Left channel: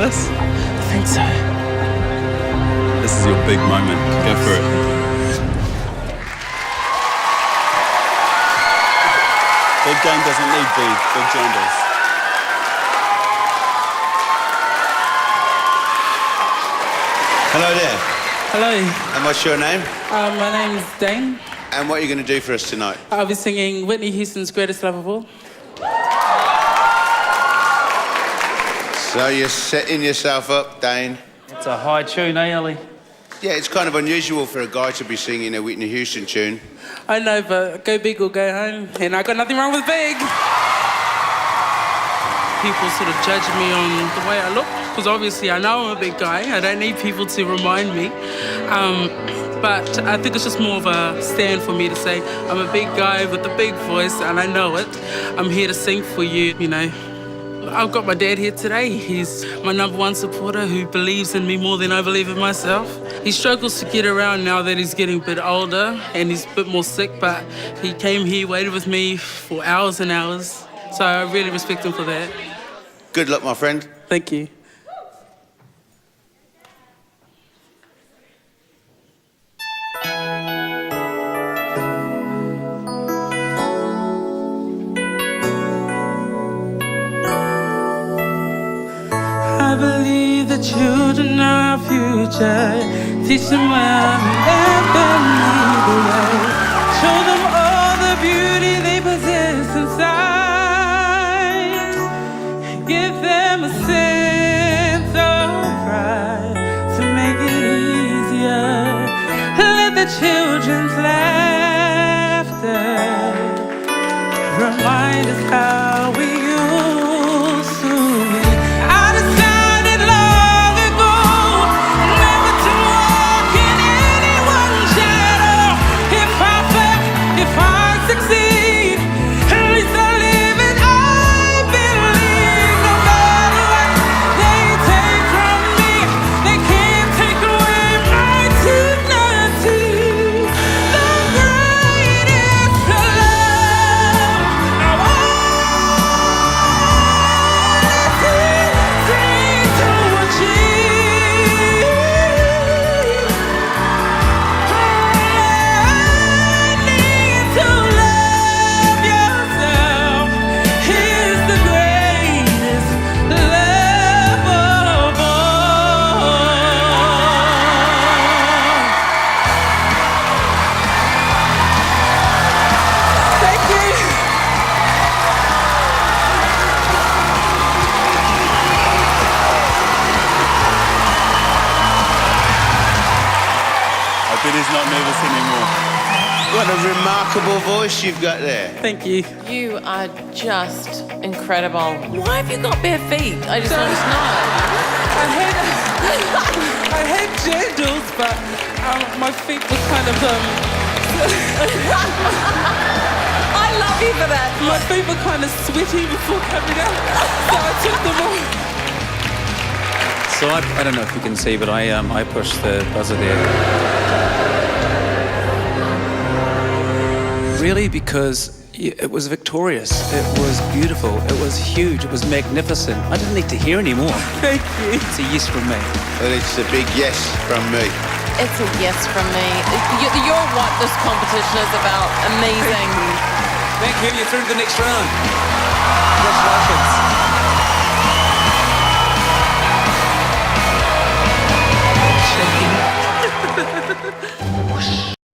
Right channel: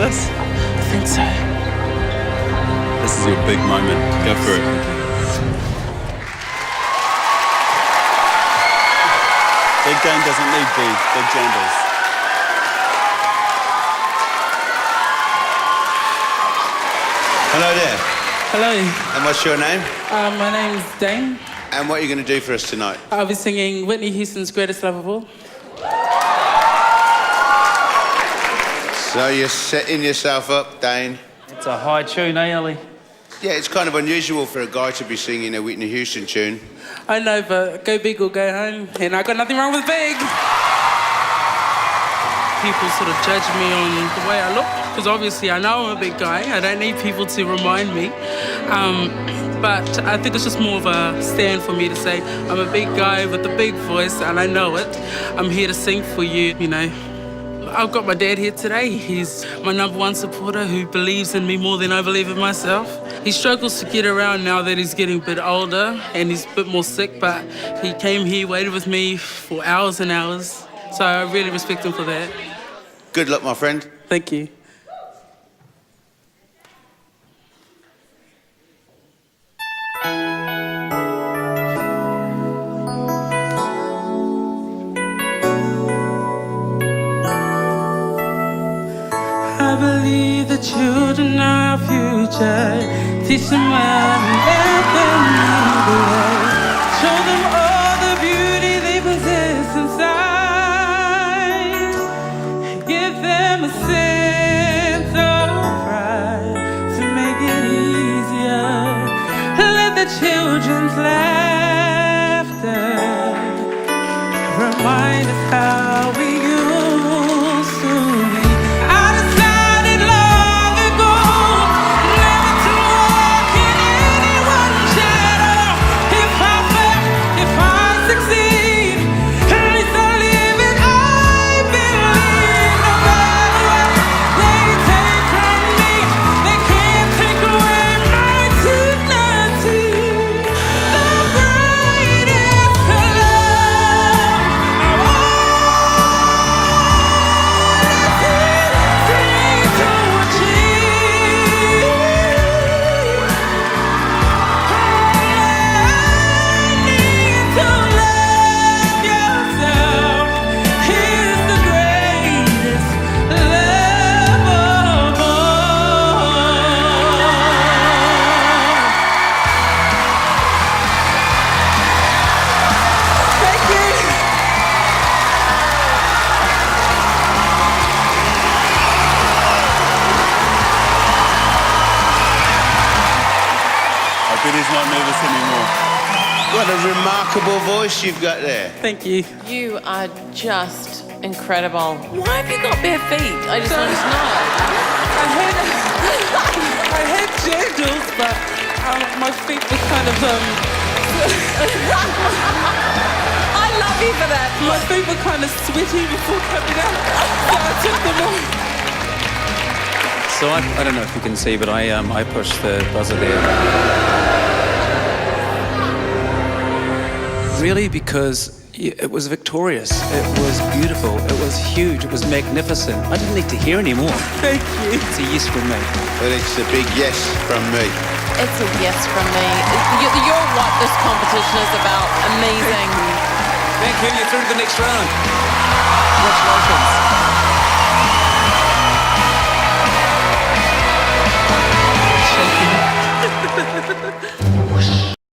this? I think so. This is your big moment. Go for it. Big Dane doesn't need B. Big Jane does. Hello there. Hello. And what's your name? My name's Dane. And what are you going to do for us tonight? I'll be singing Whitney Houston's Greatest Love of All. So you're setting yourself up, Dane. It's a high tune, eh, Ellie? Yeah, it's kind of unusual for a guy to be singing a Whitney Houston tune. I know, but go big or go home. And I got nothing wrong with big. People sort of judge me on the way I look, because obviously I know I'm a big guy. I don't need people to remind me. But I think it's just more of a stand for me to say, I'm a big guy with a big voice, and I know it. I'm here to sing for you, you know. I've got my dad here today. He's my #1 supporter who believes in me more than I believe in myself. He struggles to get around now that he's getting a bit older and he's a bit more sick, but he came here, waited with me for hours and hours. So I really respect him for that. Good luck, my friend. Thank you. I believe the children are our future. Teach them well and let them lead the way. Show them all the beauty they possess inside. Give them a sense of pride to make it easier. Let the children's laughter remind us how we used to be. I bet he's not nervous anymore. What a remarkable voice you've got there. Thank you. You are just incredible. Why have you got bare feet? I just want to know. I had sandals, but my feet were kind of I love you for that. my feet were kind of sweaty before coming out, so I took them off. So I don't know if you can see, but I pushed the buzzer there. Really, because it was victorious, it was beautiful, it was huge, it was magnificent. I didn't need to hear any more. Thank you. It's a yes from me. Well, it's a big yes from me. It's a yes from me. You're what this competition is about. Amazing. Thank you, you're through to the next round. Congratulations. Shaking.